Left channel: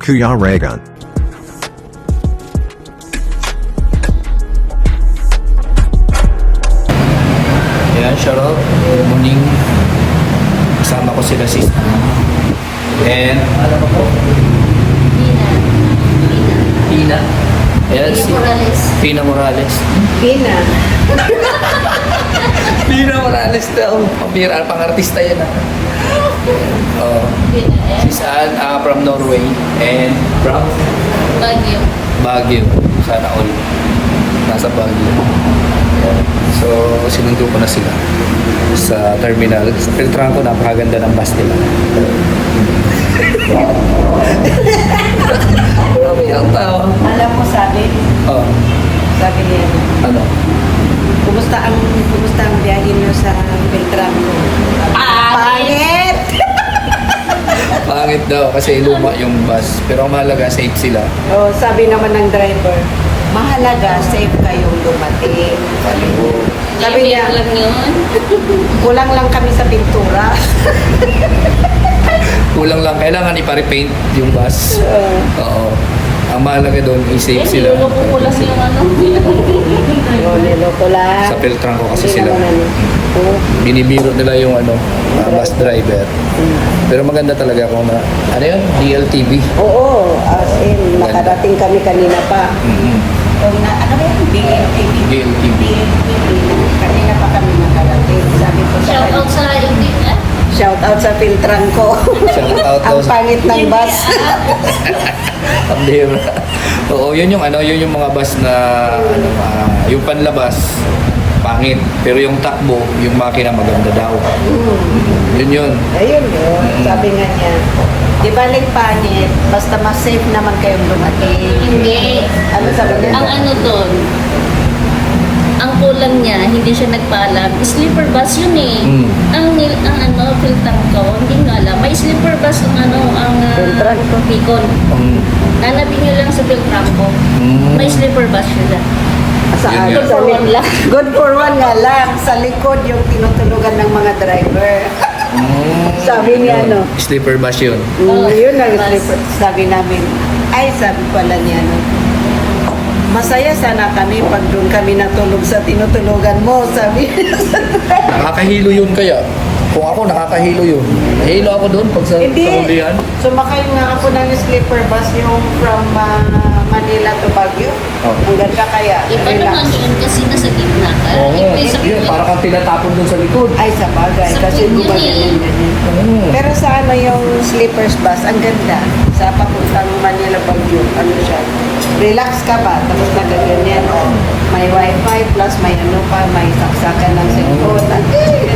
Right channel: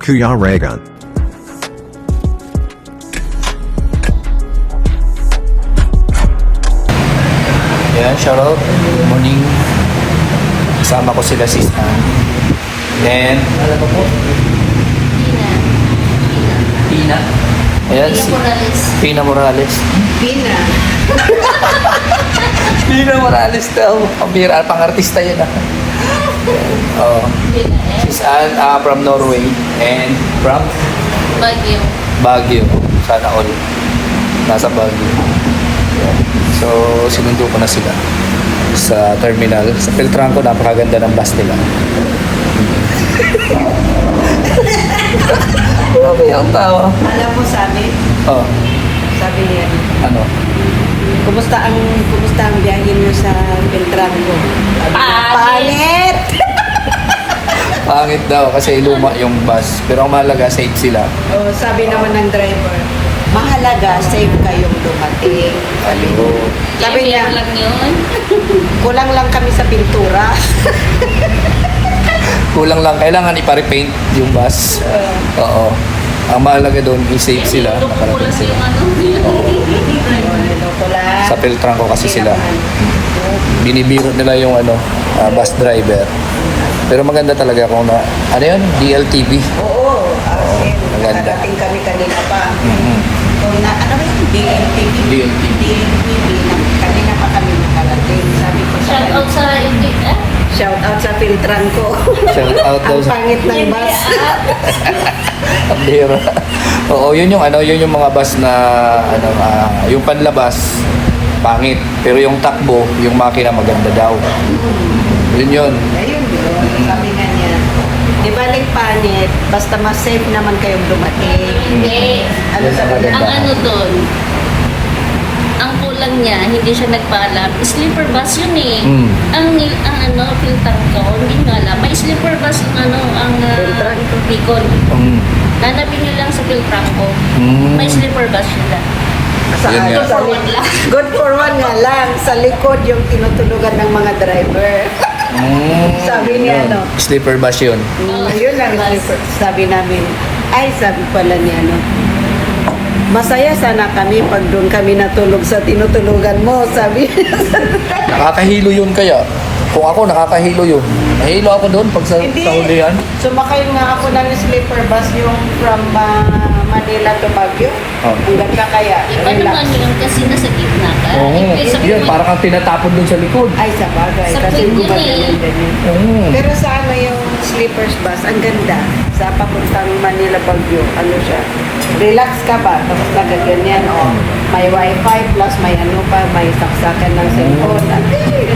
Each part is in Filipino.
Kuya Reagan. Yan, shoutout. Good morning. Kasama ko sila si Then, alam mo po? Pina. Ayan, si Pina Morales. Pina. Pina Morales daw. Pambira, pang-artista yan ah. Oh. She's from Norway and from Baguio. Baguio. Sana all. Nasa Baguio. So, sinundo ko na sila sa terminal. Sa Peltranco, napakaganda ng bus nila. Grabe ang tawa. Alam mo, sabi niya, Ano? kumusta ang biyahe niyo sa Beltranco? Pangit! Pangit daw kasi luma yung bus. Pero ang mahalaga, safe sila. Oh, sabi naman ng driver, mahalaga, safe kayong dumating. Sabi niya, kulang lang kami sa pintura. Kulang lang. Kailangan ipa-repaint yung bus. Oo. Ang mahalaga doon, i-safe sila. Nakarating sila. Sa Peltranco kasi sila. Binibiro nila yung bus driver. Pero maganda talaga kung ano yun? DLTV. Oo, as in, Maganda. nakarating kami kanina pa. Mm-hmm. Ano ba yung DLTV? DLTV. Kanina pa kami nakarating. Sabi ko sa Shout out sa Indik, ah. Shout out sa Filtranco. Shout out Ang sa- pangit ng bus. Ang bihira. Oo, yun yung mga bus na yung panlabas pangit, pero yung takbo, yung makina maganda daw. Yun. Ayun yun. Sabi nga niya. Di baling pangit, basta mas safe naman kayong dumating. Hindi. Ano sabi niya? Ang ano doon, ang kulang niya, hindi siya nagpaalam. Sleeper bus yun eh. Ang pintang ko, hindi nyo alam. May sleeper bus ang Bicol. Hanapin nyo lang sa Filtranco. May sleeper bus sila. Yun nga. Sa good for one nga lang. Sa likod yung tinutulugan ng mga driver. Sabi niya, Yun. ano? Sleeper bus yun. Yun ang sabi namin. Ay, sabi pala niya, masaya sana kami pag doon kami natulog sa tinutulugan mo, sabi. Nakakahilo yun kaya. Kung ako, nakakahilo yun. Nahilo ako doon pag sa hulihan. Sumakay nga ako ng sleeper bus yung from Manila to Baguio. Hanggang ka kaya, Iba relax. naman yun kasi nasa gitna ka. Yun, parang kang tinatapon doon sa likod. Ay, sa bagay, Sa kasi pinya gumaganyan ganyan. Pero sa yung sleepers bus, ang ganda. Sa papuntang Manila Baguio, ano siya, relax ka ba? Tapos nagaganyan, may wifi plus may may saksakan ng cellphone.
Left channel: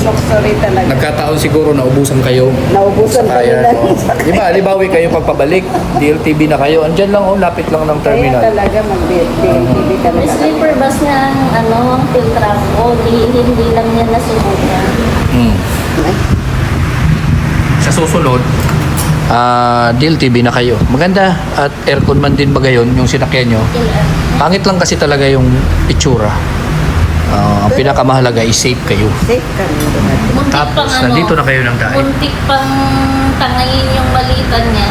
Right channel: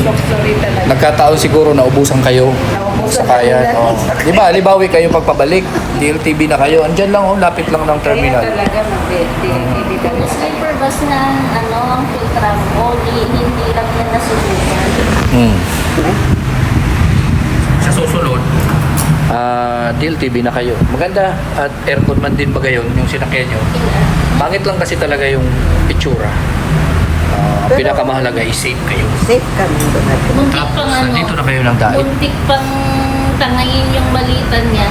Luxury talaga. Nagkataon siguro naubusan kayo. Naubusan sa kaya. kami. Di ba, libawi kayo pagpabalik. DLTV na kayo. Andyan lang, lapit lang ng terminal. Kaya talaga mag-TV May talaga kami. sleeper bus na ang Filtranco, hindi lang yan nasubukan. Sa susunod, DLTV na kayo. Maganda. At aircon man din ba gayon, yung sinakyan nyo. Pangit lang kasi talaga yung itsura. Ang pinakamahalaga is safe kayo. Safe kami dumating. Tapos, nandito na kayo ng dahil. Muntik pang tangayin yung balitan niya.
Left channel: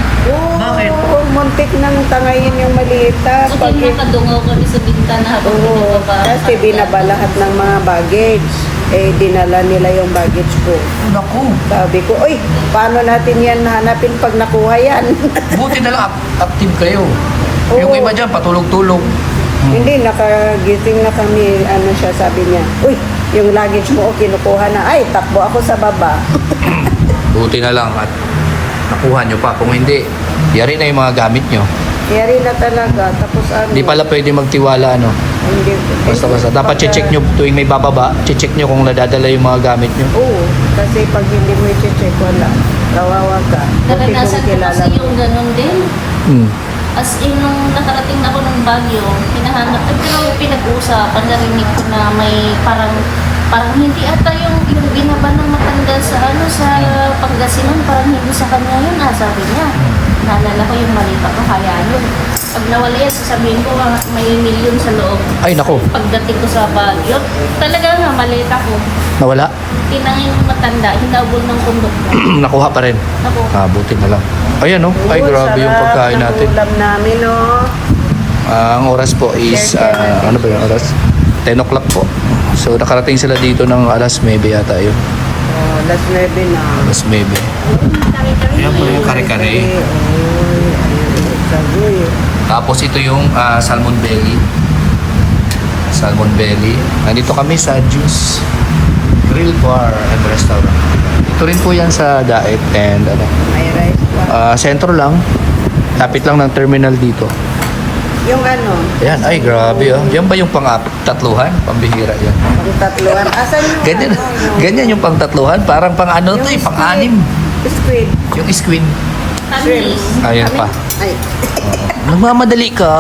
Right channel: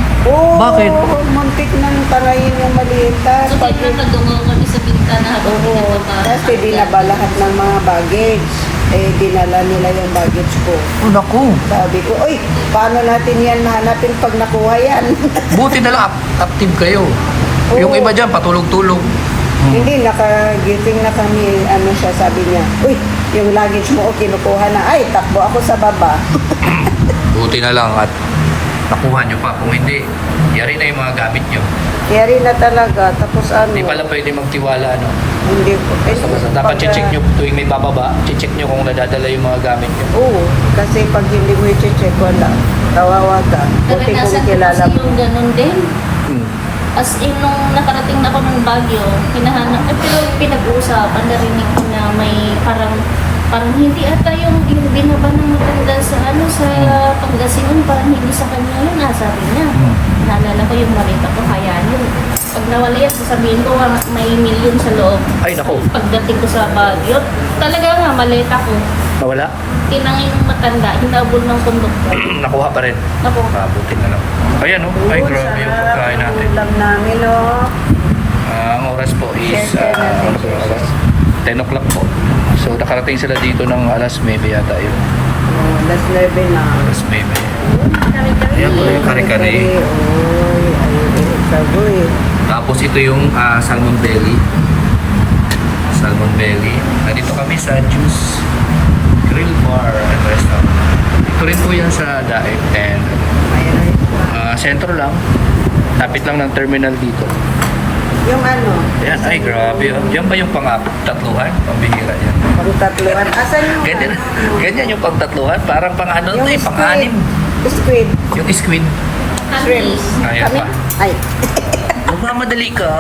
Bakit? Oo, muntik nang tangayin yung malita. So, Pag, nakadungaw kami sa bintana habang oo, kasi dinaba lahat ng mga baggage. Dinala nila yung baggage ko. Oh, naku. Sabi ko, oy, paano natin yan hanapin pag nakuha yan? Buti na lang active kayo. Oo. Yung iba dyan, patulog-tulog. Hindi, nakagising na kami, siya, sabi niya, uy, yung luggage mo, kinukuha na, ay, takbo ako sa baba. Buti na lang at nakuha nyo pa. Kung hindi, yari na yung mga gamit nyo. Yari na talaga, tapos Hindi pala pwede magtiwala. hindi ko. Basta dapat check nyo tuwing may bababa. Check nyo kung nadadala yung mga gamit nyo. Oo, kasi pag hindi mo i-check, wala. Kawawa ka. Buti kong Naranasan ko kilala. kasi yung ganun din. Hmm. As in, nung nakarating na ako ng Baguio, hinahanap, at pero pinag-uusapan, narinig ko na may parang parang hindi ata yung binaba ng matanda sa sa Pangasinan, parang hindi sa kanya yun, sabi niya. Naalala ko yung malita ko, kaya yun. Pag nawala yan, sasabihin ko, may milyon sa loob. Ay, nako. Pagdating ko sa Baguio, talaga nga, malita ko. Nawala? Tinangay ng matanda, hinabol ng konduktor. Nakuha pa rin. Ako, Buti na lang. Ayan, no? Ay, grabe yung pagkain natin. Ulam namin, oh. Ang oras po is Share natin, ano ba yung oras? 10 o'clock po. So nakarating sila dito ng alas 9 yata yun. Oh, last 9 na. Alas 9. Ayan po yung kare-kare. Oy, ayun, sagoy. Tapos ito yung salmon belly. Salmon belly. Nandito kami sa Juice Grill Bar and Restaurant. Ito rin po yan sa Daet and ano, May rice lang. sentro lang. Tapit lang ng terminal dito. Yung ano? Yan, ay grabe oh. Yan ba yung pang-tatluhan? Pambihira yan. Pang-tatluhan. Asan yung Ganyan, ganyan yung pang-tatluhan. Parang pang-ano Yung to eh, squid. pang-anim. Squid. Yung squid. Shrimps. Ayan Kami? pa. Ay. Nagmamadali ka.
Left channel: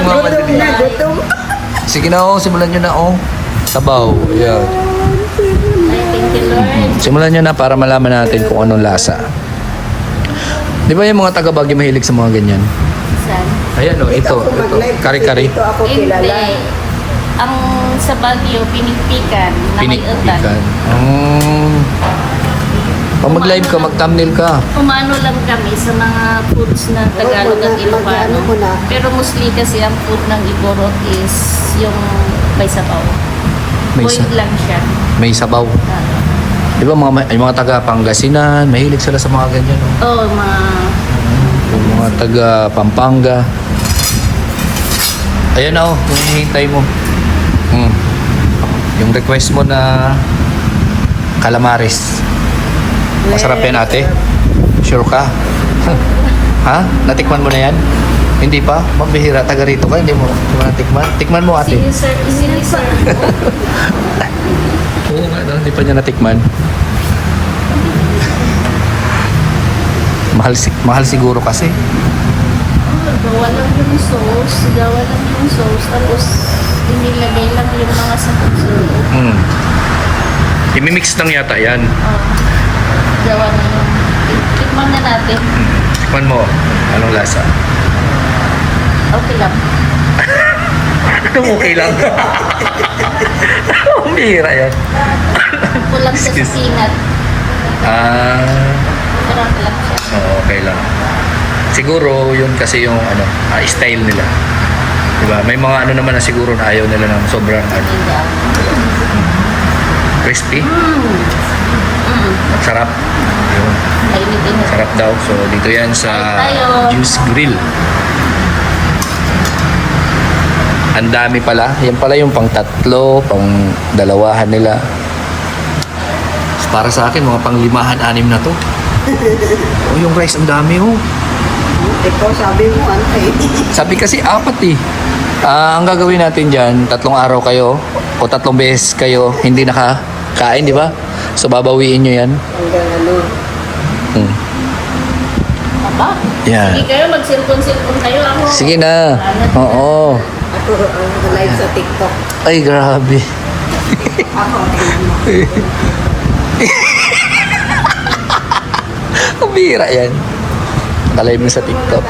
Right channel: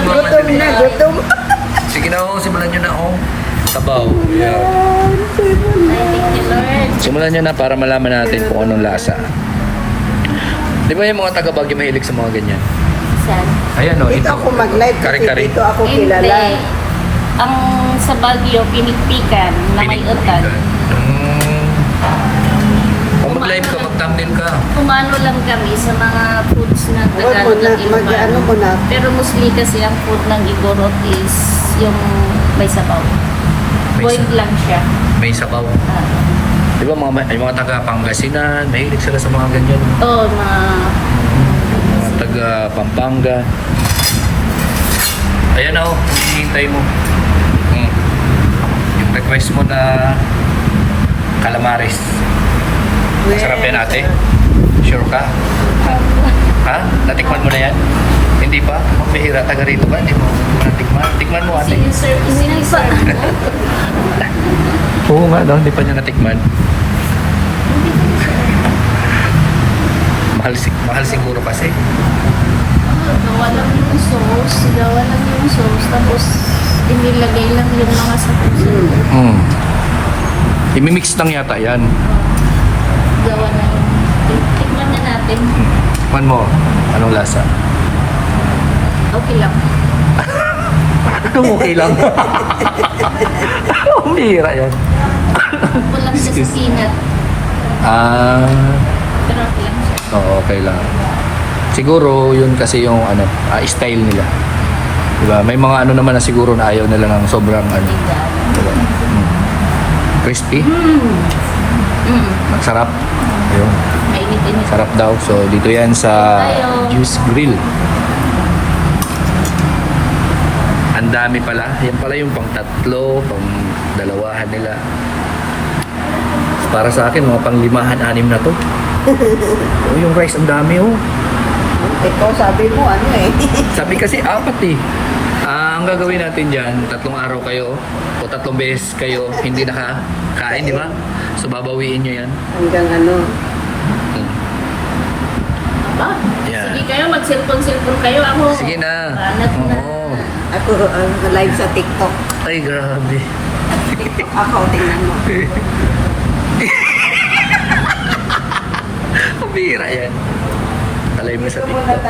Gutom na, gutom. Sige na oh, simulan nyo na oh. Sabaw. Yeah. thank you, Lord. Simulan nyo na para malaman natin kung anong lasa. Di ba yung mga taga-Baguio mahilig sa mga ganyan? Saan? Ayan oh, Dito ito. ako mag-live kasi Kari-kari. dito ako Hindi. kilala. Ang sa Baguio, pinigpikan na may utan. Oh. Pag mag-live ka, mag-thumbnail ka. Umano lang kami sa mga foods ng Tagalog at Mag-ano Ilocano. ko na. Pero mostly kasi ang food ng Igorot is yung may sabaw. May Boiled lang siya. May sabaw. Di ba yung mga taga-Pangasinan, mahilig sila sa mga ganyan. No? Oo, mga Mga taga-Pampanga. Ayun na oh, hinihintay mo. Yung request mo na calamares. Masarap yan ate. Sure ka? Ha? Natikman mo na yan? Hindi pa? Magbihira, taga rito ka, hindi mo natikman. Tikman mo ate. sige sir, pa. Oo nga, no? Hindi pa niya natikman. Mahal siguro kasi. Gawa lang yung sauce. Gawa lang yung sauce. Tapos, inilagay lang yung mga sakot sa loob. Imimix lang yata yan. Gawa na yung... Tikman na natin. Tikman mo. Anong lasa? Okay lang. Anong okay lang? Umihira yan. Kulang sa Excuse. peanut. Pero okay lang siya. Oo, okay lang. Siguro yun kasi yung ano, style nila. 'Di ba? May mga ano naman na siguro na ayaw nila ng sobrang ano, diba? Crispy. Sarap. Yun. Kainitin mo. Sarap daw. So dito 'yan sa Juice Grill. Ang dami pala. Yan pala yung pang tatlo, pang dalawahan nila. Para sa akin, mga pang limahan, anim na to. Oh, yung rice, ang dami oh. Ikaw sabi mo, ano eh. Sabi kasi apat eh. Ang gagawin natin dyan, 3 araw kayo o 3 beses kayo hindi nakakain, di ba? So babawiin nyo yan. Hanggang ano. Yan. Sige kayo, mag-silpon-silpon kayo. Ako. Sige na. Oo. Ako ang live sa TikTok. Ay, grabe. Ako, tingnan mo. Ang bira yan. Kalive mo sa TikTok.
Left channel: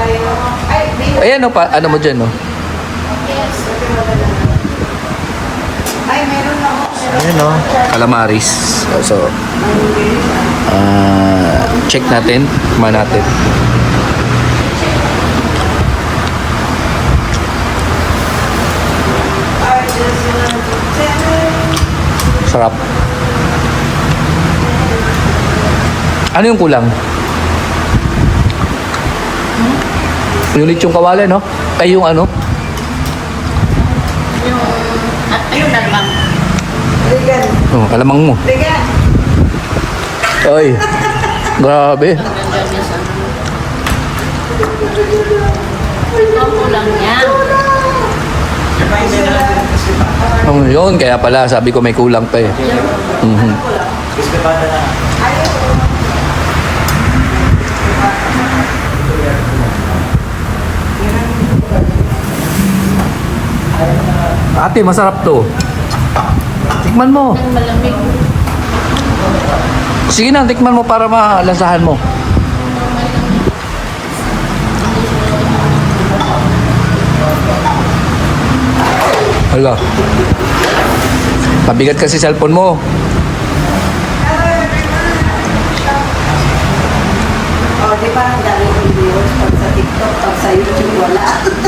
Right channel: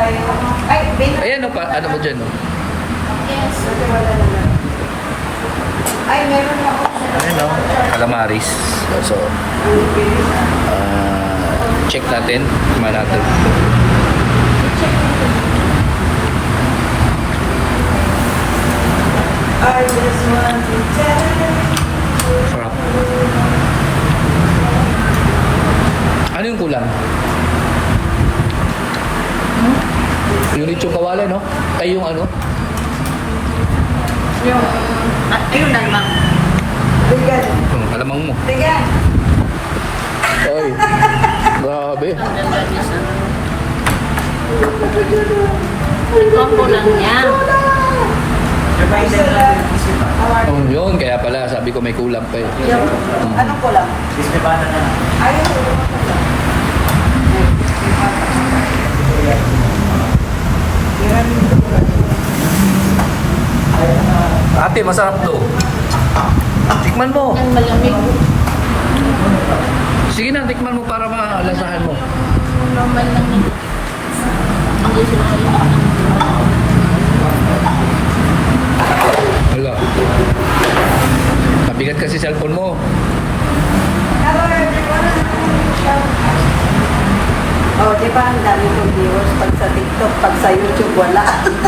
Ay, babe. Ayan o, ano mo dyan o? Ay, meron lang. Ayun o, calamaris. So, check natin. Kumain natin. Sarap. Ano yung kulang? Yung lechong kawali, no? Ay, yung ano? Yung, ayun na lang. Ligan. Oh, kalamang mo. Ligan. Ay, grabe. Ang kulang niya. Yun, kaya pala sabi ko may kulang pa eh. Mhm. Ate, masarap to. Tikman mo. Yung malamig. Sige na, tikman mo para malasahan mo. Yung malamig. Hindi siya Hala. Mabigat kasi cellphone mo. Oh, di ba ang dami kong viewers pag sa TikTok, pag sa YouTube, wala.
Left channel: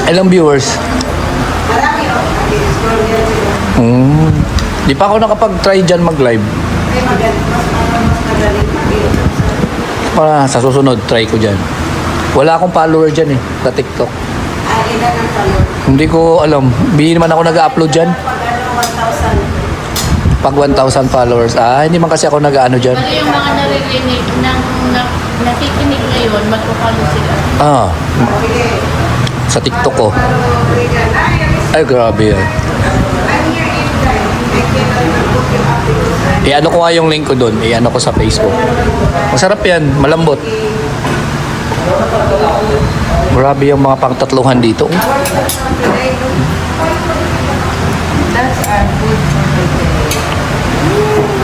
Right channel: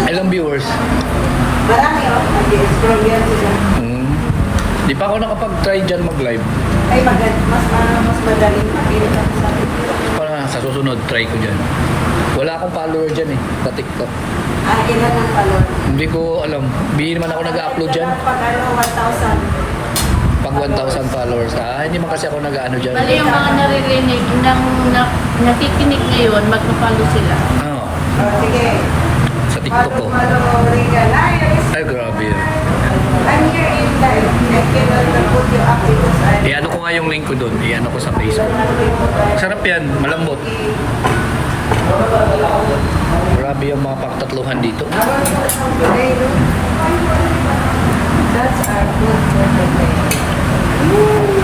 Ilang viewers? Marami oh, nag-scroll yan sila. Di pa ako nakapag-try dyan mag-live. Ay, mas magaling. Para sa susunod, try ko dyan. Wala akong follower dyan eh, sa TikTok. Ay, ilan ang talo? Hindi ko alam. Bihir man ako nag-upload dyan. Pag ano, 1,000. Pag 1,000 followers. Hindi man kasi ako nag-ano dyan. Bali yung mga naririnig ng nakikinig ngayon, magpapalo sila. Okay. Sa TikTok ko. Okay ka na. Ay, grabe yan. I'm here in live. I can book you up because I-ano ko nga yung link ko doon. I-ano ko sa Facebook. Masarap yan. Malambot. Grabe yung mga pangtatluhan dito. today, look. That's our food for today.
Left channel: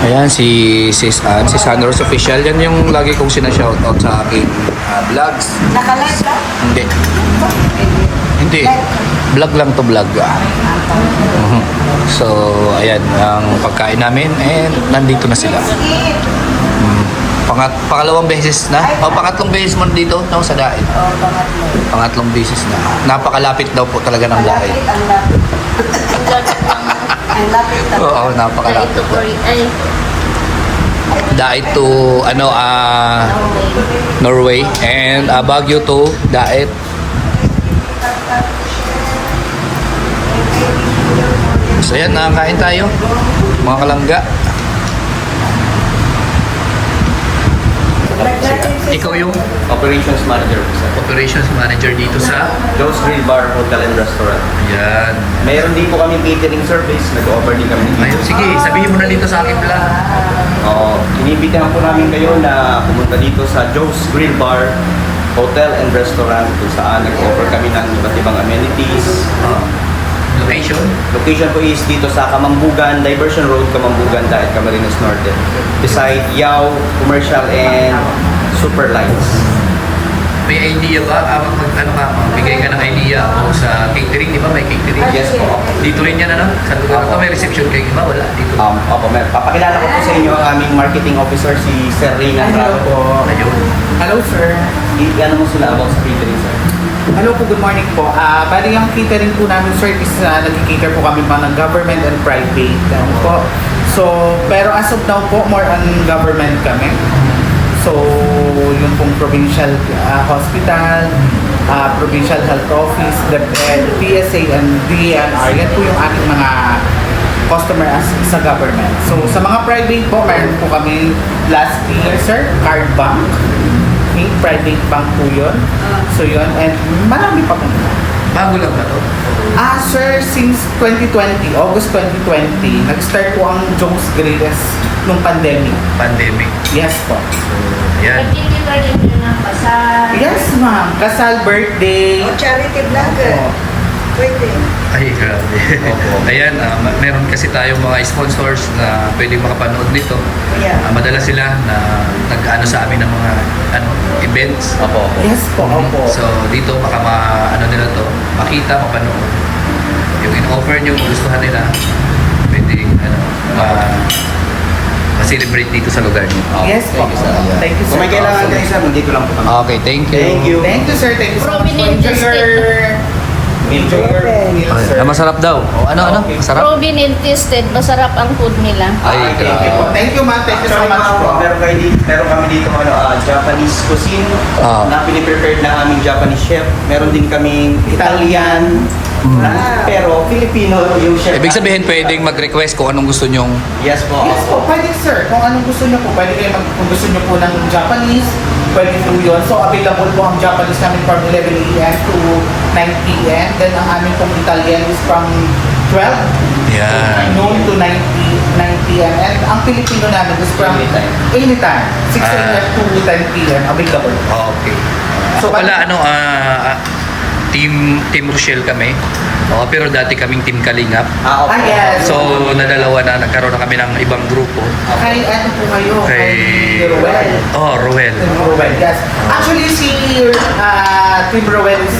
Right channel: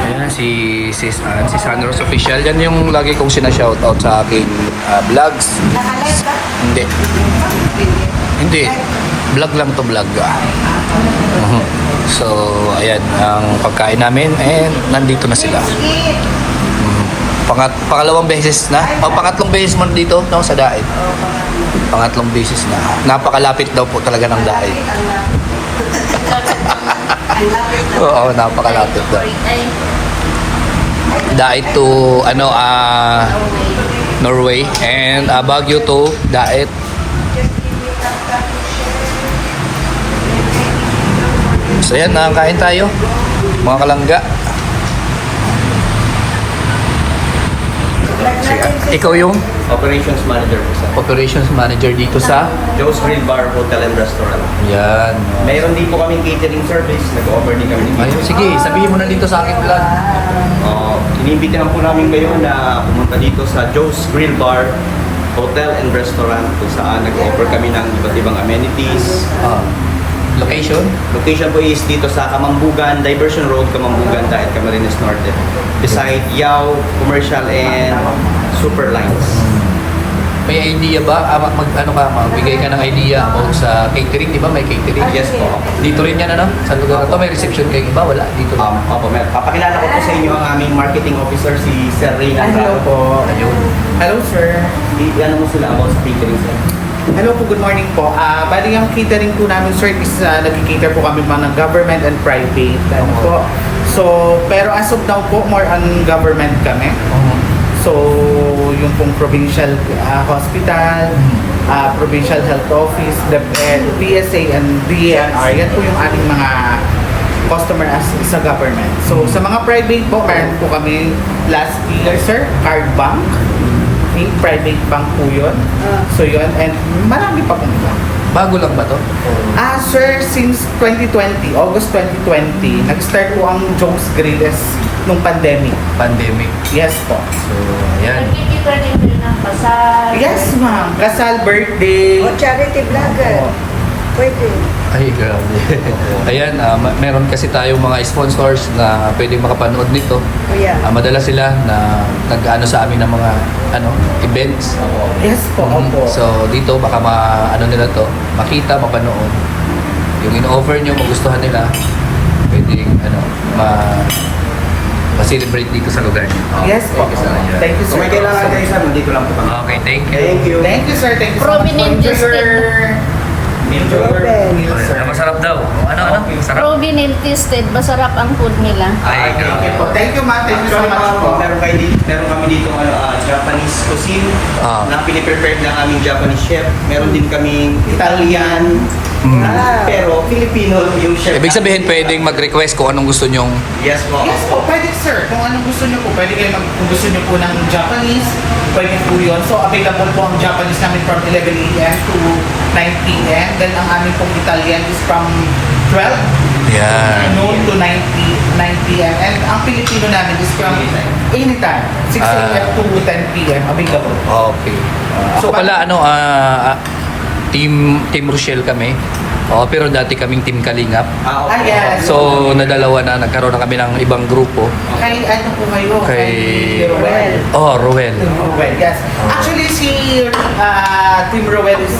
Ayan, si Sis Ann, si Sunrose Official. Yan yung lagi kong sinashoutout sa aking vlogs. Naka-live ka? Hindi. Hindi. Vlog lang to vlog. Mhm. So, ayan, ang pagkain namin and nandito na sila. Eat. Pangalawang beses na? O, pangatlong beses mo dito no, sa Daet. Oh, pangatlo. Pangatlong beses na. Napakalapit daw po talaga ng Daet. Ang lapit. Ang lapit na. Oo, napakalapit daw. Ay, Daet to, Norway. And Baguio to Daet. So yan, nakakain tayo. Mga kalangga. Ikaw yung Operations Manager po sa operations manager dito sa... Joe's Grill Bar, Hotel and Restaurant. Ayan. Mayroon din po kami catering service. Nag-offer din kami ng Ayun, sige, sabihin mo na dito sa aking vlog. Iniimbitahan po namin kayo na pumunta dito sa Joe's Grill Bar, Hotel and Restaurant kung saan nag-offer kami ng iba't ibang amenities. Location? Location po is dito sa Kamambugan, Diversion Road, Kamambugan, Daet, Camarines Norte. Beside Yao, Commercial and Super Lines. May idea ba? Magbigay ka ng idea about sa catering, di ba? May catering? Yes po. Dito rin yan, ano? Sa lugar na to, may reception kayo, iba? Wala, dito. Opo, papakilala ko po sa inyo ang aming marketing officer, si Sir Rina. Hello po. Ayun. Hello, sir. Ano mo sila about sa catering, sir? Hello po, good morning po. Bali ang catering po namin, sir, is nag-cater po kami mga ng government and private. Ano po. So, pero as of now po, more on government kami. So, yung pong provincial hospital, provincial health office, the PSA and DNR, yan po yung aming mga customer sa government. So, sa mga private po, mayroon po kami last year, sir, Card Bank. Private bank po yun. So, yun. And marami pa po nila. Bago lang ba to? Sir, since 2020, August 2020, nag-start po ang Joe's Grill nung pandemic. Pandemic. Yes po. So, ayan. hindi pa rin yun ang kasal. Yes, ma'am. Kasal, birthday. Charity vlog. Opo. Pwede. Ay, grabe. Ayan, meron kasi tayong mga sponsors na pwedeng makapanood nito. Yeah. Madalas sila na nag-ano sa amin ng mga events. Opo. Yes po, opo. So, dito baka nila to, makita, mapanood. Yung in-offer nyo, magustuhan nila, pwedeng, ma-celebrate dito sa lugar nyo. Yes po. Thank you, sir. Thank you, Kung sir. may kailangan kayo, sir, nandito lang po kami. Okay, thank you. Thank you. Thank you, sir. Thank you so much. Prominent Enjoy your meal, sir. Masarap daw. Ano? Masarap? Proven and tested, masarap ang food nila. Ay, Thank you po. grabe. Thank you, ma'am. Thank you so much po. Meron kami dito Japanese cuisine Ah. na piniprepared ng aming Japanese chef. Meron din kaming Italian, pero Filipino yung chef. Ibig sabihin, pwedeng mag-request kung anong gusto nyong... Yes po. Yes po, pwede sir. Kung anong gusto niyo po, pwede kayo kung gusto niyo po ng Japanese, pwede po yun. So, available po ang Japanese namin from 11 a.m. to 9 p.m. Then, ang amin pong Italian is from 12 Yan. noon to 9 p.m. And ang Filipino namin is from anytime, 6 a.m. to 10 p.m. available. Okay. So, So, pala, Team Rochelle kami. Pero dati kaming Team Kalingap. Okay. yes. So, nadalawa na, nagkaroon na kami ng ibang grupo. Kay ano po kayo? Kay- Ruel. Ruel. Team Ruel, yes. Actually, si Team Ruel is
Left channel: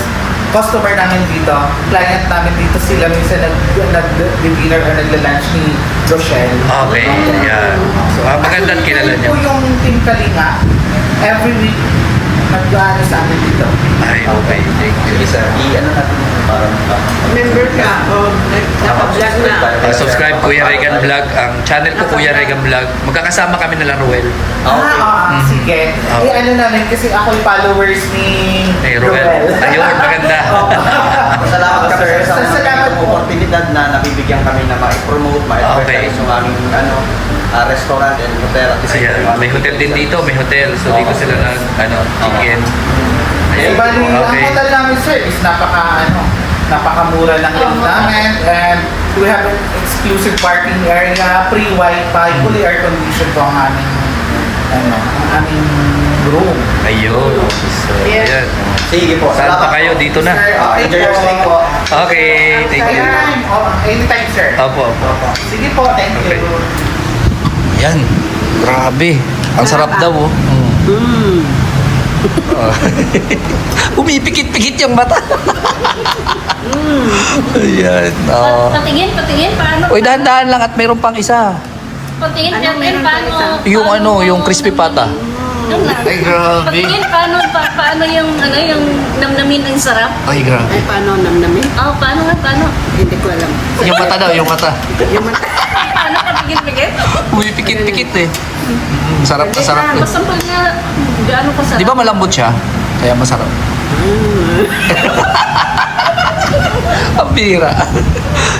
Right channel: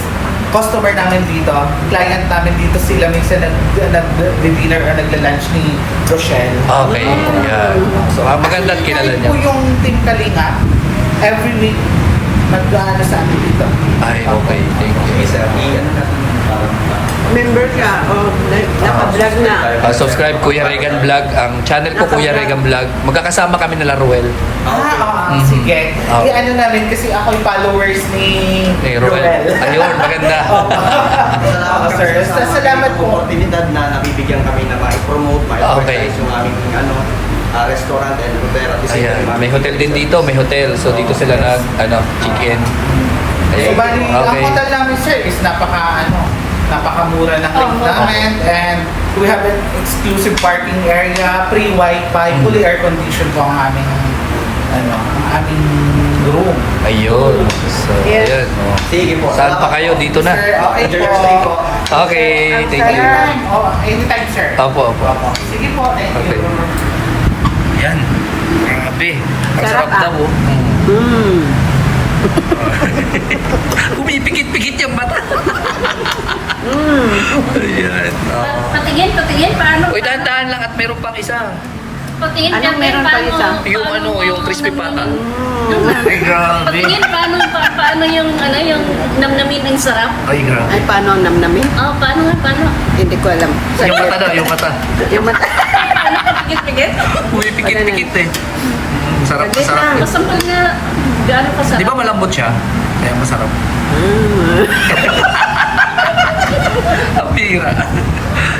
customer namin dito. Client namin dito. Sila minsan nag-dinner or nagla-lunch ni Rochelle. Okay, yan. So, magandang kilala Actually, niya. po yung Team Kalinga, every week, nag-ano sa amin dito. Ay, okay. Thank you. Isa, i-ano natin para Member ka o nag-vlog na. Subscribe Kuya Regan Vlog. Ang channel ko Kuya Regan Vlog. Magkakasama kami nila Ruel. Sige. Okay. I-ano namin kasi ako yung followers ni Ruel. Ayun, maganda. Salamat kami Sir, sa salamat po. oportunidad na nabibigyan kami na ma-promote, ma-advertise yung aming restaurant and hotel. At the same Ayan, time, may hotel din dito, may hotel. So dito sila nag chicken. Eh, Ayan. bali, ang Okay. hotel namin, sir, is napakamura ng rent namin, and we have an exclusive parking area, free wifi, fully air conditioned po ang aming room. Ayun. So, ayan. Oh. Sige po. Saan pa kayo? Dito na. Sir, okay Enjoy your stay po. Okay, thank you. Anytime, sir. Opo, opo. Sige po, thank Okay. you. Ayan. Grabe. Ang sarap Sarap, daw. Umipikit-pikit yung mata. Ayan. Patingin, paano? Uy, dahan-dahan lang at meron pang isa. Patingin, Anong meron pa isa? Yung crispy pata. Ay, grabe. Patingin, paano yung namnamin ang sarap? Ay, grabe. Ay, paano ang namnamin? Paano? Hindi ko alam. Yung mata daw, yung mata. Yung mata. Paano patigil-tigil? Umipikit-pikit eh. Sarap na sarap. eh. Basta pag na, gaano ka sarap? Di ba malambot siya? Kaya masarap. Ang pira.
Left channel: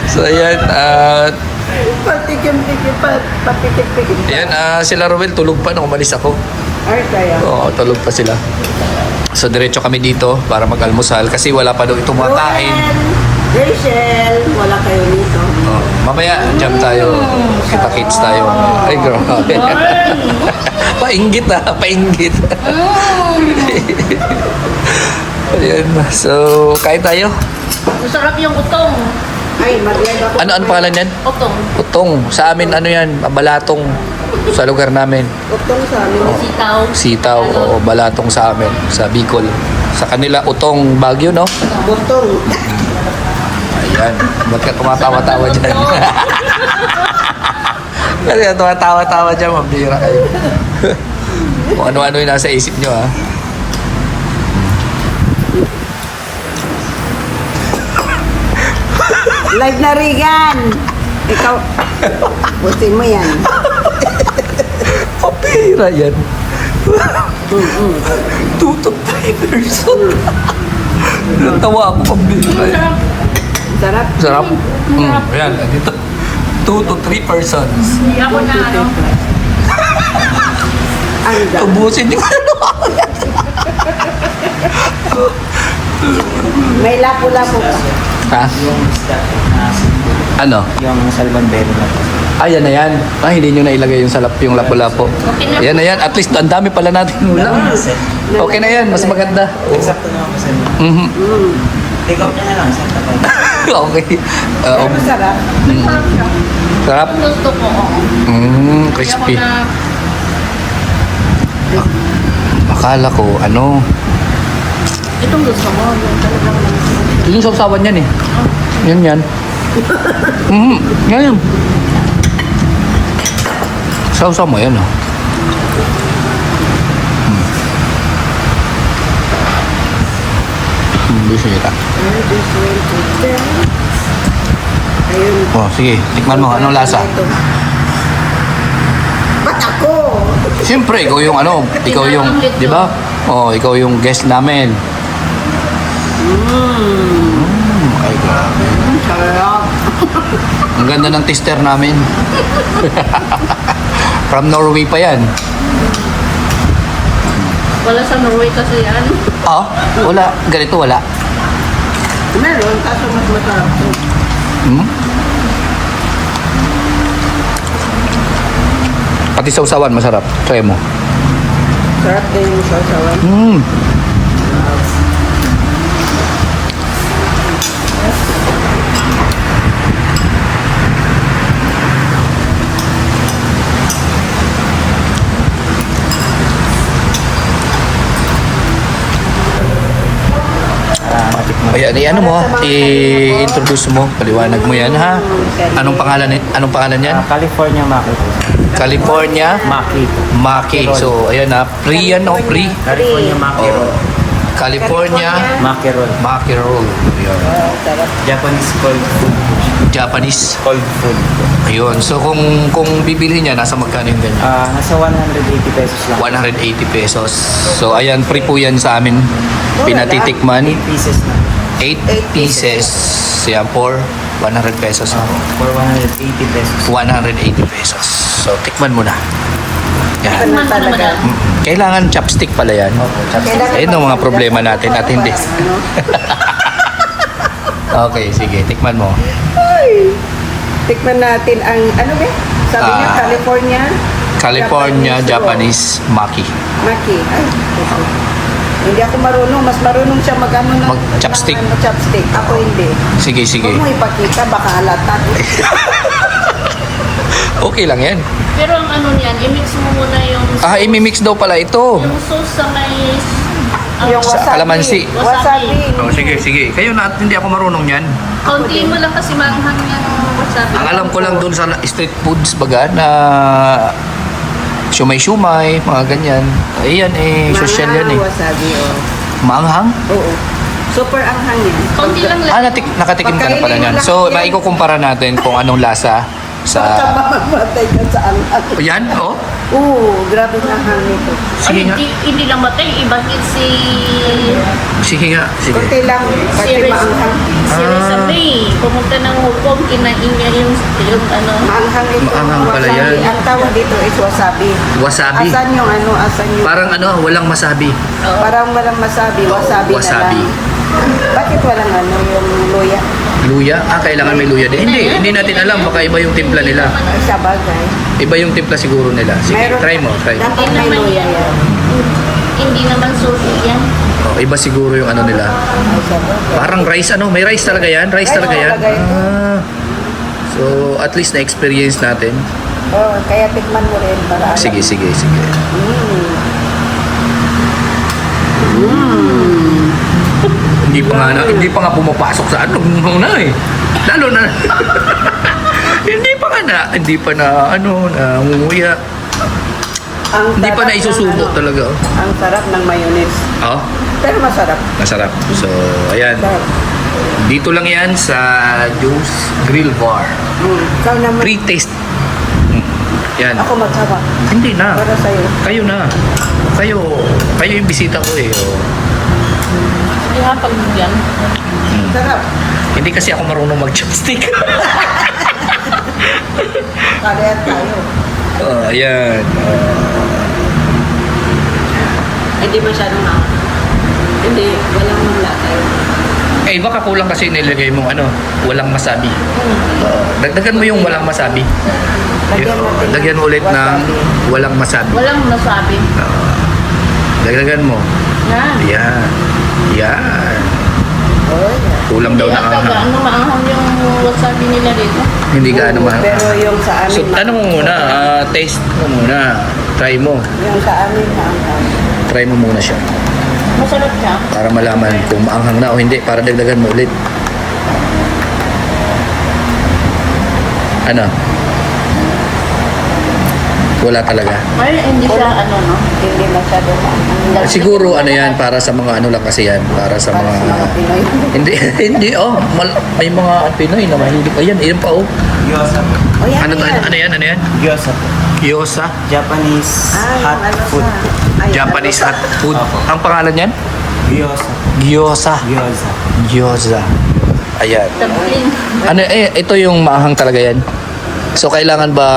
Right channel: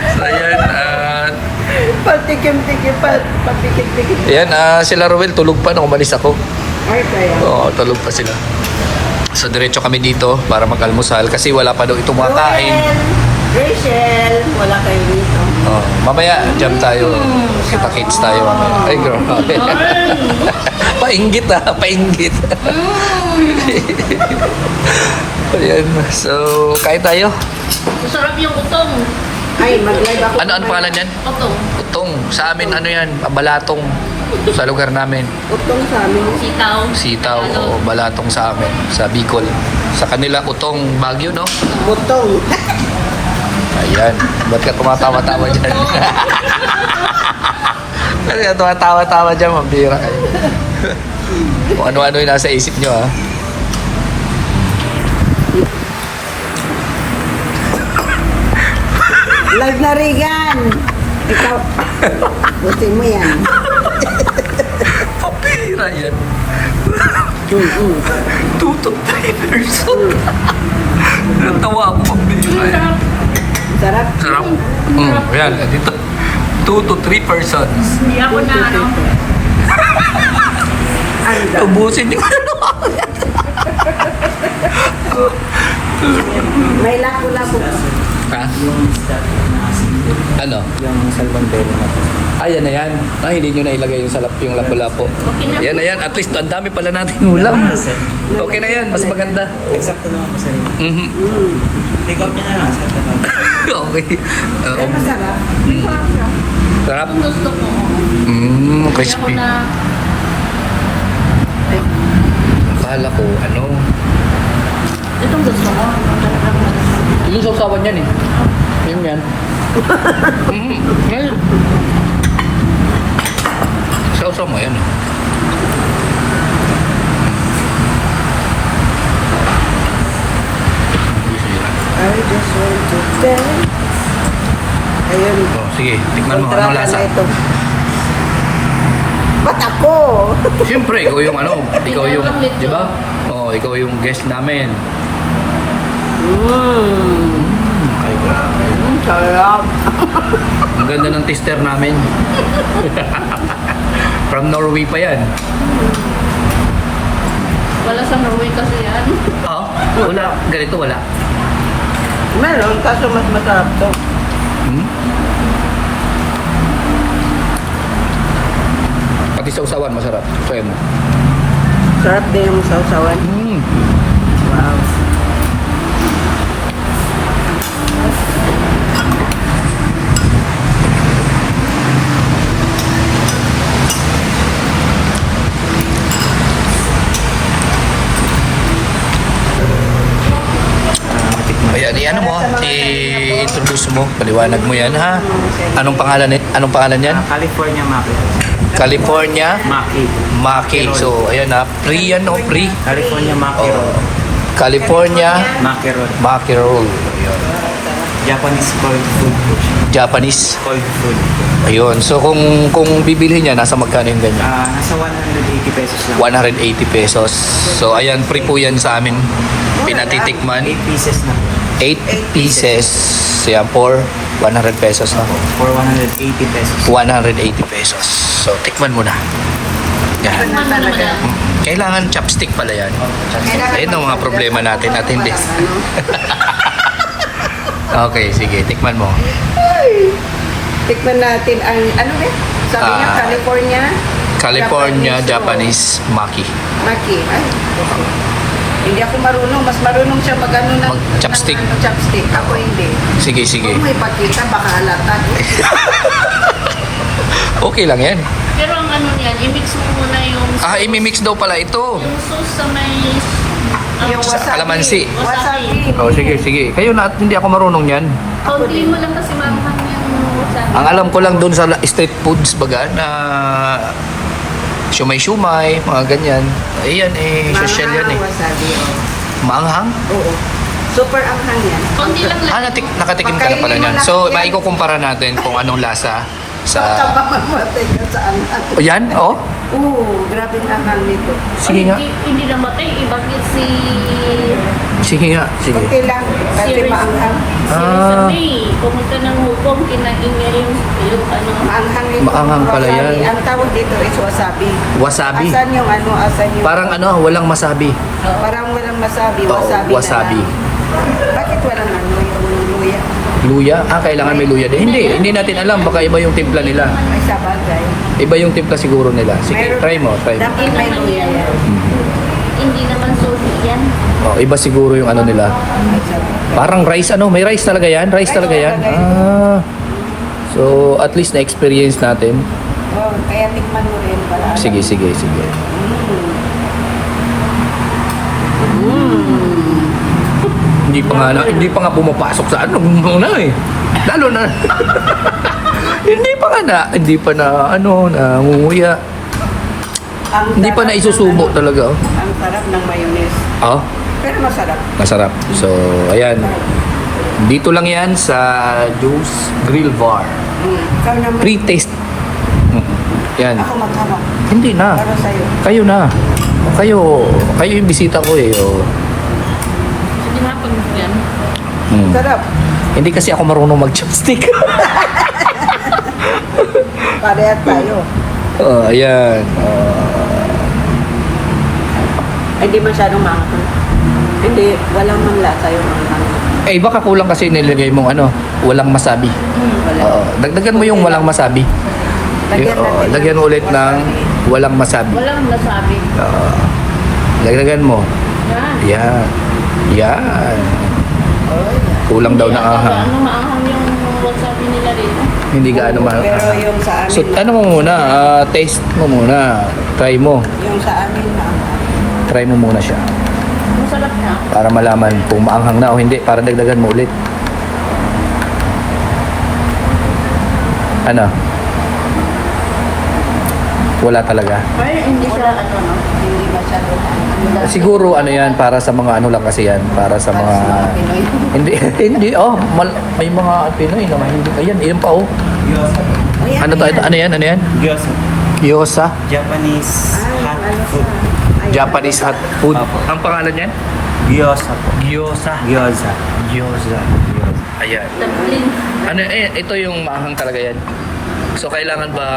So, ayan. Patikim-tikim, papikit-pikit. Ayan, sila Ruel, tulog pa nung umalis ako. Ay, kaya. Oo, tulog pa sila. So, diretso kami dito para mag-almusal kasi wala pa daw itong mga kain. Rachel, wala kayo nito. Oh, mamaya, jam tayo. Kita-kits tayo. Mamaya. Ay, grabe. Painggit painggit. Ayan, so, kain tayo. Masarap yung utong. Ay, mag-live ako. Ano pangalan yan? Utong. Utong. Sa amin, ano yan? Balatong. Sa lugar namin. Utong sa amin. Sitaw. Sitaw o balatong sa amin. Sa Bicol. Sa kanila, utong Baguio, no? Butong. Ayan. Ba't ka tumatawa-tawa dyan? Ba't ka tumatawa-tawa dyan? Mambira kayo. Kung ano-ano yung nasa isip nyo, ha? Live na Regan. Ikaw, butin mo yan. Mambira yan. Tutok tayo, person. Natawa ako, mambira yan. Sarap. Sarap. Ayan, dito. 2 to 3 persons. Ako na. Ano daw? Ubusin yung May lapo-lapo pa. Ha? Ano? Yung salmon Ayan na yan. Hindi nyo nailagay yung salap, yung lapo-lapo. Yan na yan. At least, ang dami pala natin ulam. Okay na yan. Mas maganda. Exacto na ako sa Mhm. Ikaw na lang. Okay. Pero masarap. Sarap. Gusto ko. Crispy. Ako na. Akala ko, ano? Itong gusto ko. Yung sausawan yan eh. Yan yan. Yan. Sausaw mo yan. Oh. Gusto nila. I just want to tell. Ayun. Oh, sige. Tikman mo. Anong lasa? Kontrata na ito. Ba't ako? Siyempre, ikaw yung ano, ikaw yung, di ba? Oh, ikaw yung guest namin. Ay, grabe. Sarap. Ang ganda ng tester namin. From Norway pa yan. Wala sa Norway kasi yan. Ah, wala. Ganito wala. Meron, kaso mas masarap to. Pati sausawan, masarap. Try mo. Sarap din yung sausawan. i-ano mo, i-introduce mo, paliwanag mo yan ha. Anong pangalan yan? California Maki po. California Maki. Maki. So, ayan ha, pre yan o pre. California Maki. Oh, California Maki roll. Maki roll. Ayun. Japanese cold food po siya. Japanese. Cold food. Ayun. So, kung bibili niya, nasa magkano yung ganyan? Nasa 180 pesos lang. 180 pesos. So, ayan, free po yan sa amin. Pinatitikman. 8 pieces na. 8 pieces. Yan, for 100 pesos na. For 180 pesos. 180 pesos. So, tikman mo na. Yan. Ano talaga? Kailangan chopstick pala yan. Ayun ang mga problema natin at hindi. Okay, sige. Tikman mo. Tikman natin ang, ano ba? Sabi niya, California? California Japanese Maki. Maki. Ay, okay. Hindi ako marunong. Mas marunong siya mag-ano ng... Mag-chopstick. ng chopstick. Ako hindi. Sige, sige. Huwag mo ipakita, baka halatag. Okay lang yan. Pero ang ano niyan, i-mix mo muna yung Imimix daw pala ito. yung sauce sa may Yung Sa wasabi. kalamansi. Wasabi. Oh, sige, sige. Kayo na, hindi ako marunong yan. kauntiin mo lang kasi manghang yung wasabi. Ang alam ko lang doon sa street foods baga na shumay-shumay, mga ganyan. Ayan social yan eh. Wasabi, oh. Maanghang? Oo. Super anghang yan. Kaunti lang yan. Nakatikim ka na pala niyan. So, maikukumpara natin kung anong lasa sa... Mamamatay ka sa anghang. O yan, oh. Oo, grabe ang anghang nito. Sige nga. Hindi lang matay, iba si Sige nga. Sige. Kunti lang, kasi maanghang. Reza May. Pumunta ng Hong Kong, kinain niya yung ano. Maanghang ito. Maanghang pala wasabi. yan. Ang tawag dito is wasabi. Wasabi. Asan yung ano, asan yung... Parang ano, walang masabi. Parang walang masabi, Oo, wasabi, wasabi. na lang. Bakit walang ano, yung luya? Luya? Kailangan may luya din. Hindi natin alam. Baka iba yung timpla nila. Ay, sa bagay. Iba yung timpla siguro nila. Sige, Mayroon- try mo. Dapat may luya yan. Hindi naman sushi yan. Oh, iba siguro yung ano nila. Ay, sa bagay. Parang rice ano? May rice talaga yan? Rice Rice talaga yan? talaga ito. So, at least na-experience natin. Oh, kaya tikman mo rin para alam. Sige, sige, sige. Hindi pa nga pumapasok sa ano muna eh. Lalo na hindi pa na nangunguya. Hindi pa sarap na isusubo ng ano, talaga. Oh. Ang sarap ng mayonnaise. Oh, Pero masarap. masarap. So, ayan. Sarap. Dito lang yan sa Joe's Grill Bar. Ikaw naman. Pre-taste. Yan. Ako magsawa. Hindi na. Para sa'yo. Kayo na. Kayo yung bisita ko eh. Oh. Sige nga, pag yan. Sarap. Hindi kasi ako marunong mag-chopstick. Parehas tayo. Ayan. Hindi masyadong na. Hindi, walang mula tayo. Eh, baka kulang kasi nilagay mong walang masabi. Dagdagan mo yung walang masabi. Lagyan mo ulit ng wasabi. walang masabi. Walang masabi. Dagdagan mo. Yan. Yan. Yan. Oh, yeah. Kulang daw na ahang. Ano maahang yung wasabi nila dito? Hindi ka ano mahal. Pero yung sa amin, So, ano mo muna, taste mo muna. Try mo. yung sa amin, maanghang. Try mo muna siya. Masarap siya. Para malaman kung maanghang na o hindi. Para dagdagan mo ulit. Ano? Wala talaga. Ay, hindi siya Wala. ano, no? Hindi masyadong maanghang. Siguro ano yan, para sa mga ano lang kasi yan. Para sa mga... Pinoy. hindi, may mga Pinoy na mahilig. Ayan, iyan pa oh. Gyoza po. Oh, yan, Ano yan? Gyoza po. Gyoza. Japanese hot food po. Japanese hot food. Opo. Ang pangalan yan? Gyoza po. Gyoza. Gyoza. Gyoza. Ayan. Sabihin. Ito yung maanghang talaga yan. So, kailangan ba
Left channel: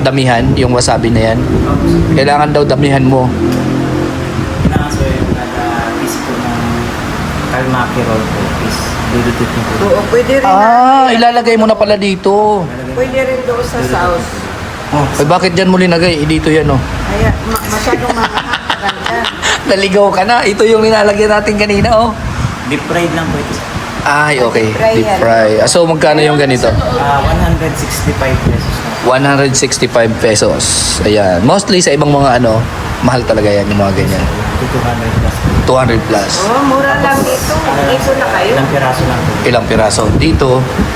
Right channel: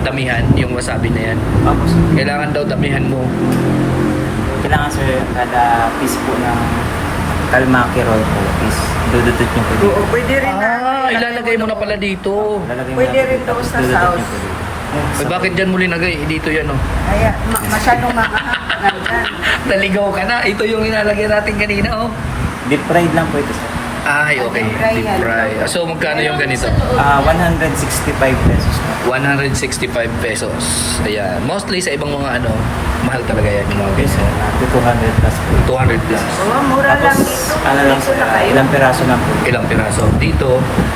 damihan yung wasabi na yan? Opo, sir. Kailangan daw damihan mo. Kailangan, sir, kada piece po ng kalmaki roll po is dududot niyo po. Oo, pwede rin. Ilalagay mo na pala dito. Pwede rin doon sa sauce. Ay, bakit dyan mo linagay? Dito yan, oh. Kaya masyadong maanghang. Naligaw ka na. Ito yung nilalagay natin kanina, oh. Deep fried lang po ito, sir. Ay, okay. Deep fry Deep yan. fry. So, magkano yung ganito? 165 pesos na. 165 pesos. Ayan. Mostly sa ibang mga ano, mahal talaga yan yung mga Yes, ganyan. sir. 200 plus po. 200 plus. Oh, mura lang dito. Ano lang, Dito na kayo. ilang piraso lang po. Ilang piraso? Dito,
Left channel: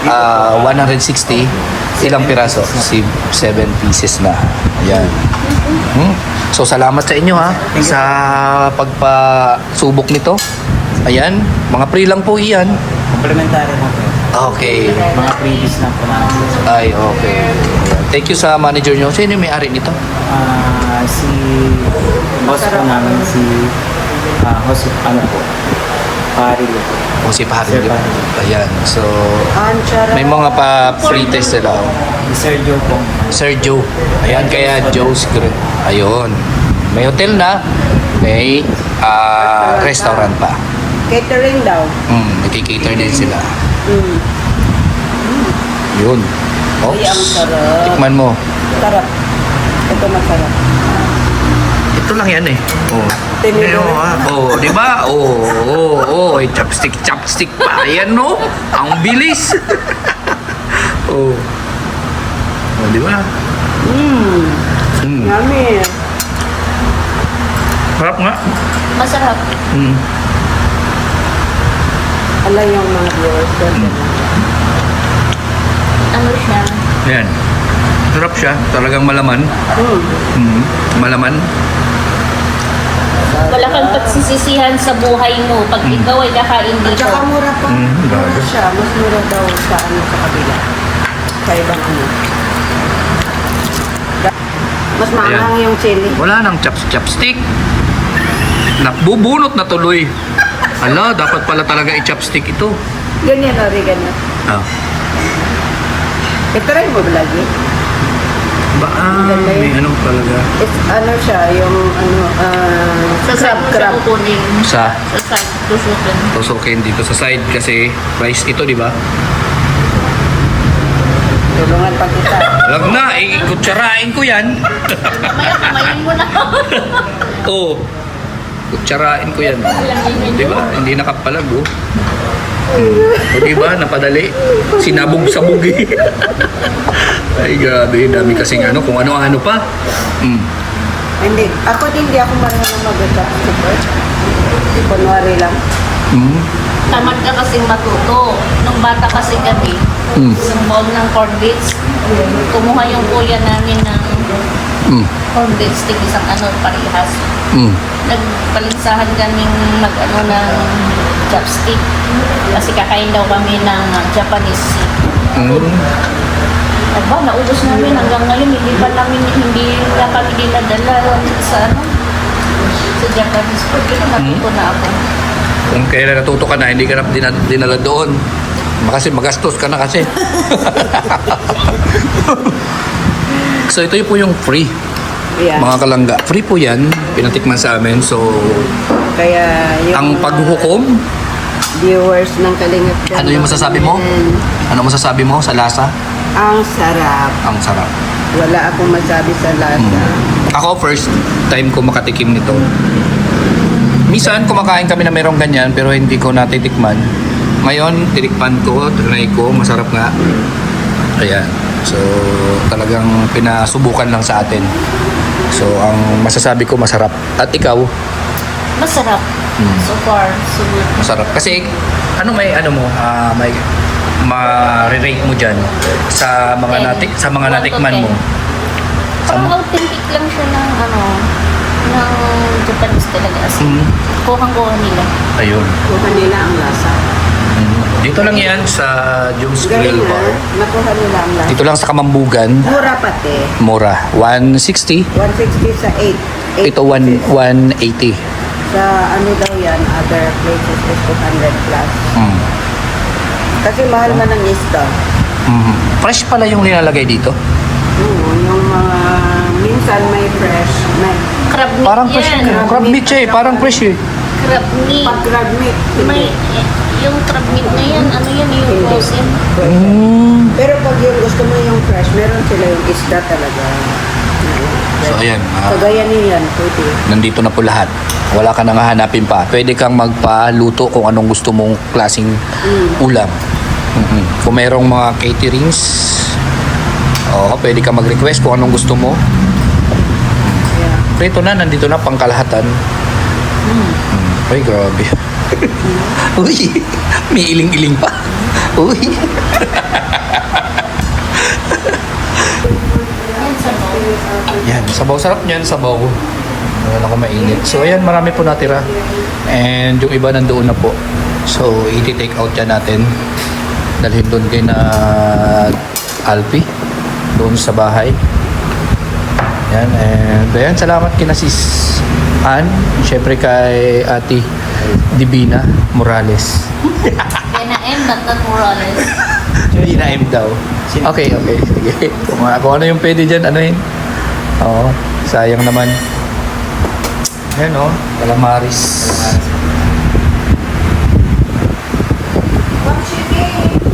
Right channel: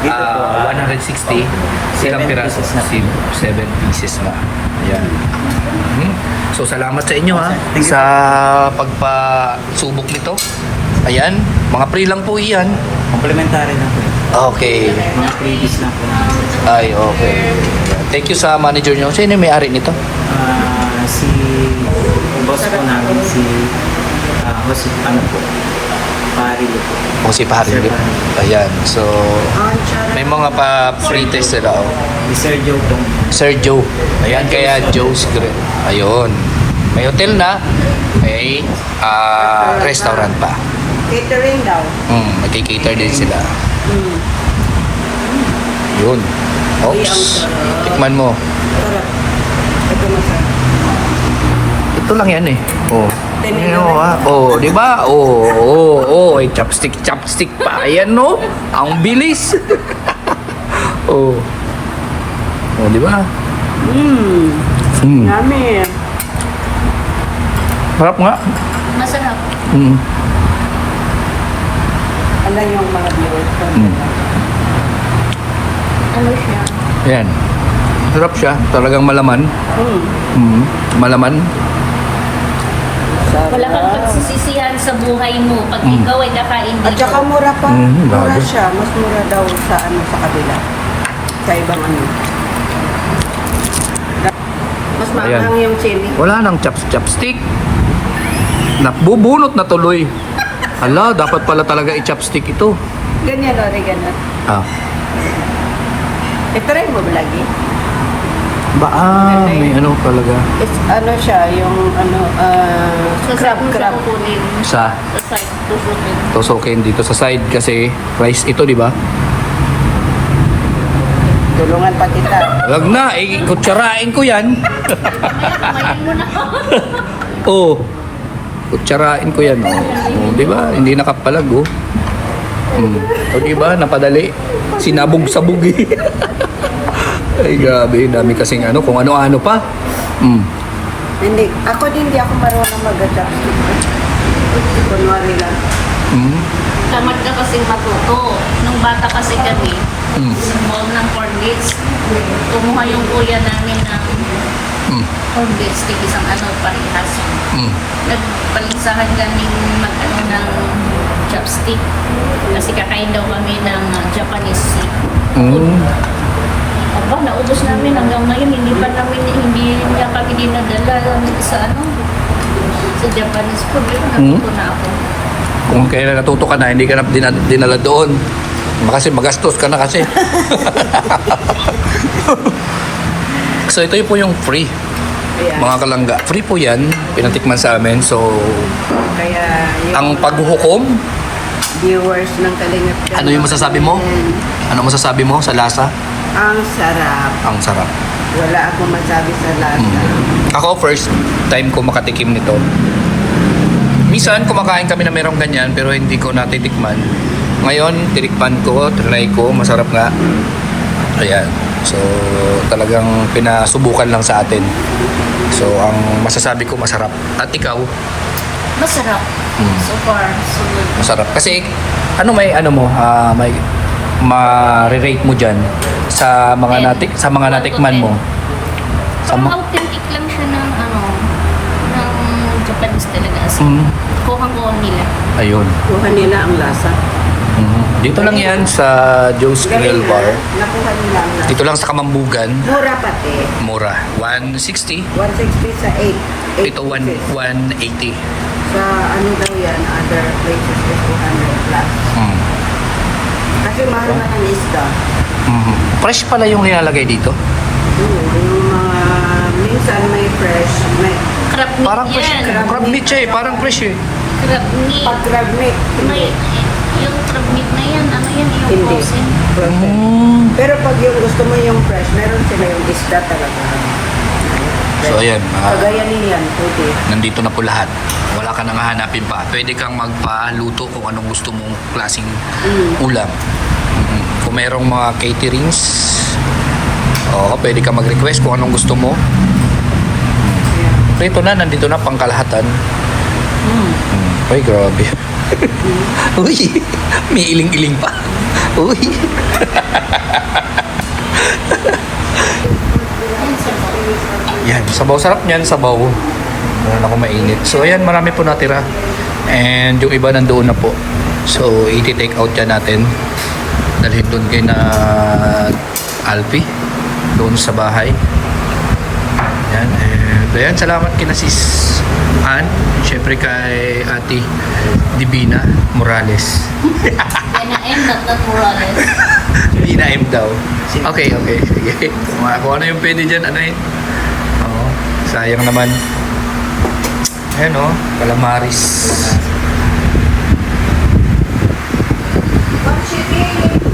160. Ilang piraso? 7 pieces na. Ayan. So, salamat sa inyo ha. Sa pagpasubok nito. Ayan. Mga free lang po iyan. Complementary lang po. Okay. Mga freebies lang po namin. Ay, okay. Ayan. Thank you sa manager nyo. Sino yung may-ari nito? Si boss po namin, si Jose, ano po, Parilo po. O si Paharin. Sir Paharin. Ayan. So, may mga pa-free test sila. Oh. Si Sir Joe po. Sir Joe. Ayan, kaya Joe's Grill. Ayun. May hotel na. May restaurant pa. Catering daw. Magkikater din sila. Mm. Yun. Ay, ang Oops. sarap. Tikman mo. Sarap. Ito masarap. Ito lang yan eh. Oh. Tinidor. Oh, di ba? Ay, chopstick pa. Ayan no. Ang bilis. oh. Oh, di ba? Yummy. Harap nga. Masarap. Alam yung mga viewers ko. Ano siya? Ayan. Sarap siya. Talagang malaman. Malaman. Wala kang pagsisisihan sa buhay mo pag ikaw ay kakain At dito. saka mura pa. grabe. Mura siya. Mas mura daw sa ano sa kabila. Sa ibang ano. Mas maanghang yung chili. Wala nang chopstick. Nabubunot na tuloy. Ala, dapat pala talaga i-chopstick ito. Ganyan o, ganyan. Ah. Ito rin mo ba lagi? May ano talaga. It's ano siya, yung ano, crab. Kukunin. Sa Sa side. Tusukin. tusukin dito sa side kasi rice ito, di ba? Tulungan pa kita. Wag na, kutsarain ko yan. Kamayan mo na. Oo. Kutsarain ko yan. Di ba? Hindi nakapalag, oh. O di ba? Napadali. Sinabog-sabog eh. Ay, grabe. Dami kasing ano, kung ano-ano pa. Hindi. Ako din, hindi ako marunong mag-chopstick. Kunwari lang. Tamad ka kasing matuto. Nung bata kasi kami, sumuom ng corn bits. Kumuha yung kuya namin ng corn bits, tig isang ano, parehas. Nagpalinsahan kaming mag-ano ng chopstick. Kasi kakain daw kami ng Japanese. Aba, naubos namin hanggang ngayon. Hindi pa kami dinadala sa ano, sa Japanese food. Natuto na ako. Kung kailan natuto ka na, hindi ka na dinala doon. Kasi magastos ka na kasi. So ito po yung free. Yeah. Mga kalangga. Free po yan. Pinatikman sa amin. So, Kaya yung ang paghuhukom, viewers ng Kalingap Channel, ano yung masasabi mo? Ano masasabi mo sa lasa? Ang sarap. Ang sarap. Wala akong masabi sa lasa. Ako first time ko makatikim nito. Minsan kumakain kami na merong ganyan pero hindi ko natitikman. Ngayon, tinikman ko, trinay ko, masarap nga. Ayan. So, talagang pinasubukan lang sa atin. So, ang masasabi ko masarap. At ikaw, Masarap. So far, sunod. masarap. Kasi, may may ma-rate mo dyan sa mga natikman mo. Parang authentic lang siya ng ng Japanese talaga. As kuhang-kuha nila. Ayun. Kung kanina ang lasa. Dito lang yan sa Joe's Grill Bar. Nakuha nila ang lasa. Dito lang sa Kamambugan. Mura pati. Mura. 160. 160 sa 8. Ito 180. Sa ano daw yan, other places is 200 plus. Kasi mahal man ang isda. Fresh pala yung nilalagay dito. Oo, yung mga minsan may fresh, may Crab meat Parang fresh. yan. Crab meat siya eh. Parang fresh eh. Crab meat. pag crab meat, May, hindi. yung crab meat na yan, ano yan, yung Hindi. frozen. Pero pag yung gusto mo yung fresh, meron sila yung isda talaga. So ayan. Kagaya niyan, pwede. Nandito na po lahat. Wala ka nang hahanapin pa. Pwede kang magpaluto kung anong gusto mong klaseng ulam. Kung mayroong mga caterings, Oo, pwede ka mag-request kung anong gusto mo. Ito na, nandito na pangkalahatan. Ay, grabe. Uy, may iling-iling pa. Uy. Yan, sabaw. Sarap niyan, sabaw. Meron ako mainit. So, ayan, marami po natira. And yung iba nandoon na po. So, iti-take out yan natin. Dalhin doon kay na Alpi. Doon sa bahay. Yan, and ayan, salamat kina Sis Ann. Syempre kay Ate Divina Morales. Kaya M, not Morales. Divina M daw. Okay. Sige. Kung ano yung pwede dyan, ano yun? Oo, sayang naman. Ayan o, calamaris.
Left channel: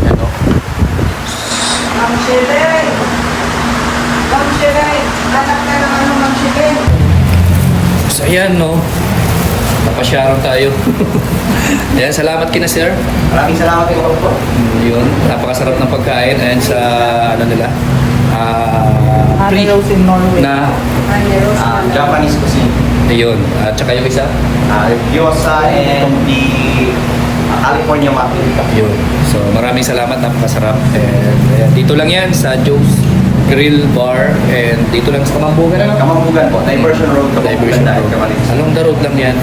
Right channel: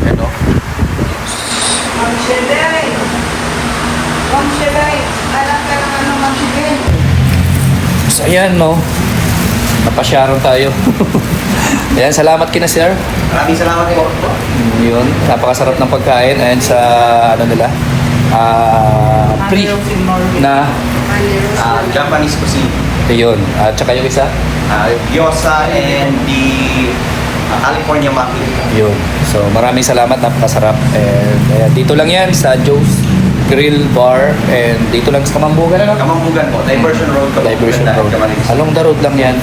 Ayan o. So, ayan no. Napasyaron tayo. Ayan, salamat kina sir. Maraming salamat po. Yun, napakasarap ng pagkain. Ayan sa, ano nila, free na, Japanese cuisine. yun. At saka yung isa, Gyoza and the California maki. yun. So, maraming salamat, napakasarap. And ayan, dito lang yan sa Joe's Grill Bar. And dito lang sa Kamambugan, ano? Kamambugan po, Diversion Road. Diversion Road. Along the road lang yan.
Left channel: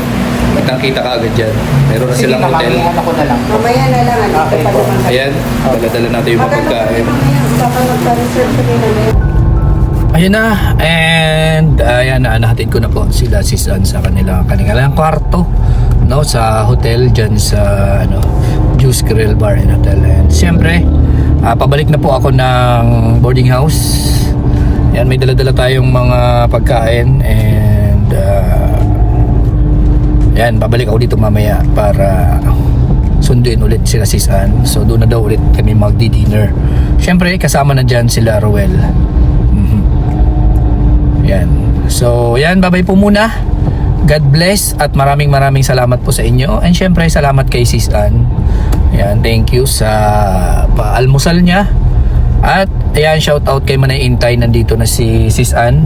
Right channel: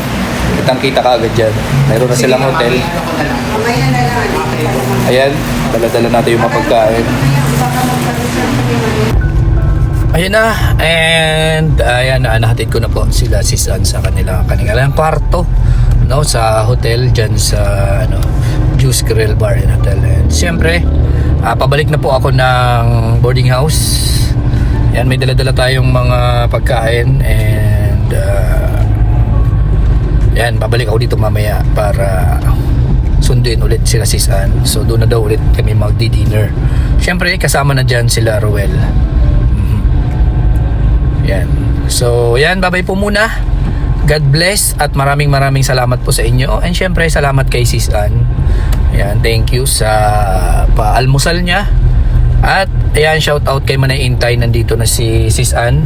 Kitang-kita ka agad dyan. Mayroon na silang hotel. Ako na lang. Mamaya na lang. Ayan, dala-dala natin yung mga pagkain. Ayun na, and ayan, nahatid ko na po sila Sis Ann sa kanilang kwarto, no, sa hotel dyan sa Juice Grill Bar and Hotel. And siyempre, pabalik na po ako ng boarding house. Ayan, may dala-dala tayong mga pagkain, and ayan, babalik ako dito mamaya para sunduin ulit sila Sis Ann. So doon na daw ulit kami magdi-dinner. Siyempre, kasama na dyan sila Roel. Yan. So, yan, bye-bye po muna. God bless at maraming salamat po sa inyo. And syempre, salamat kay Sis Ann. Yan, thank you sa paalmusal niya. At ayan, shout out kay Manay Intay, nandito na si Sis Ann.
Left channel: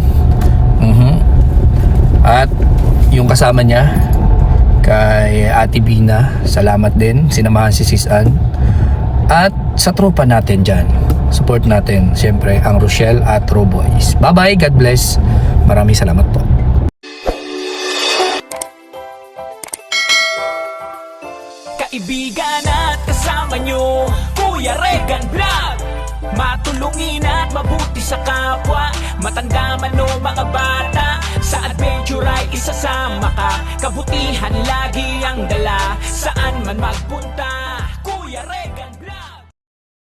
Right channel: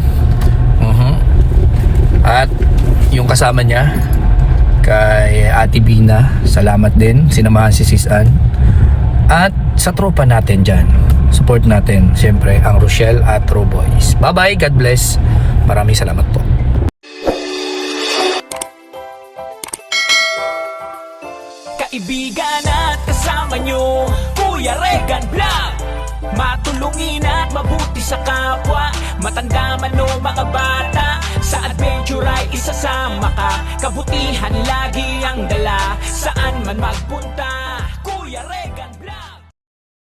At yung kasama niya kay Ate Bina, salamat din. Sinamahan si Sis Ann. At sa tropa natin dyan, support natin siyempre ang Rochelle at Ro Boys. Bye bye, God bless. Maraming salamat po. Kaibigan at kasama nyo, Kuya Regan Vlog. Matulungin at mabuti sa kapwa, matanda man o mga bata. Sa adventure ay isasama ka, kabutihan lagi ang dala. Saan man magpunta